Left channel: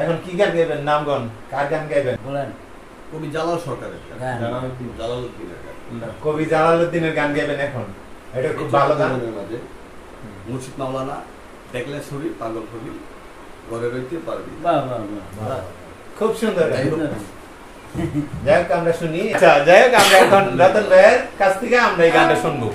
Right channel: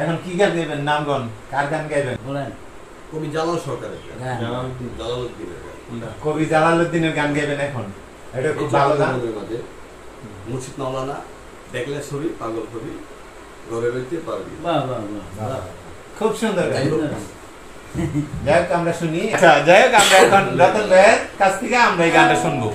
এখন কি গান গাইবেন? নামগন কার গান গাইবেন বলেন। কবি জালাল সরকারের গান। জালালউদ্দিনের গান। কবি জালালউদ্দিনের গান গাইবেন এখন। এটা খুব ভালো গান। মাঝে মুর্শিদ মাওলানা দেখলে ছবি পাগল কবি ঘরে রইতে পারবি। বাহ বাহ বাহ, খুব সুন্দর গান। যাই হোক আমরা শুনি। আচ্ছা যাই হোক আমরা এখন রতন ভাইয়ের কাছ থেকে আমরা এই গানটা শুনবো।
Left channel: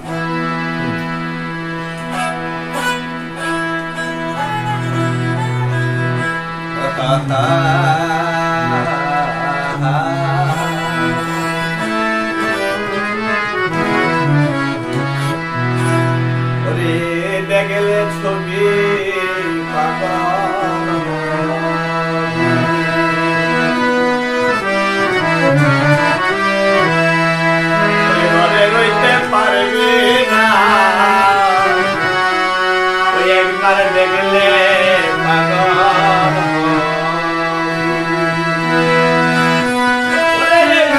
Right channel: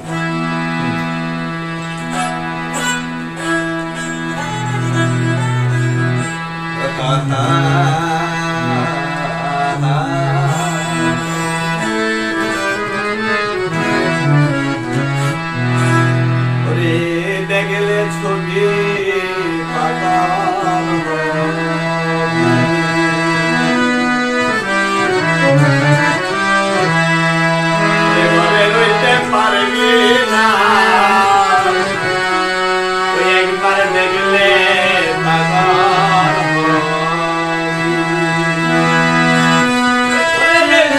দেখলে ছবি পাগল ঘরে রইতে পারবি না, ওই একবার দেখলে পাগল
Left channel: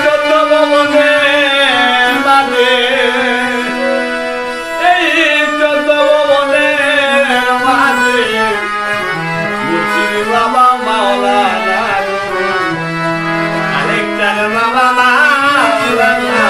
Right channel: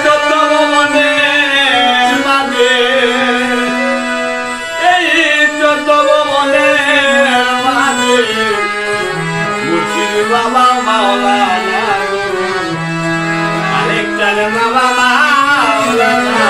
যত মনে মানে এই যত মনে মানে মুর্শিদ বাবা মাওলানা আরেকটার বাবা মাওলানা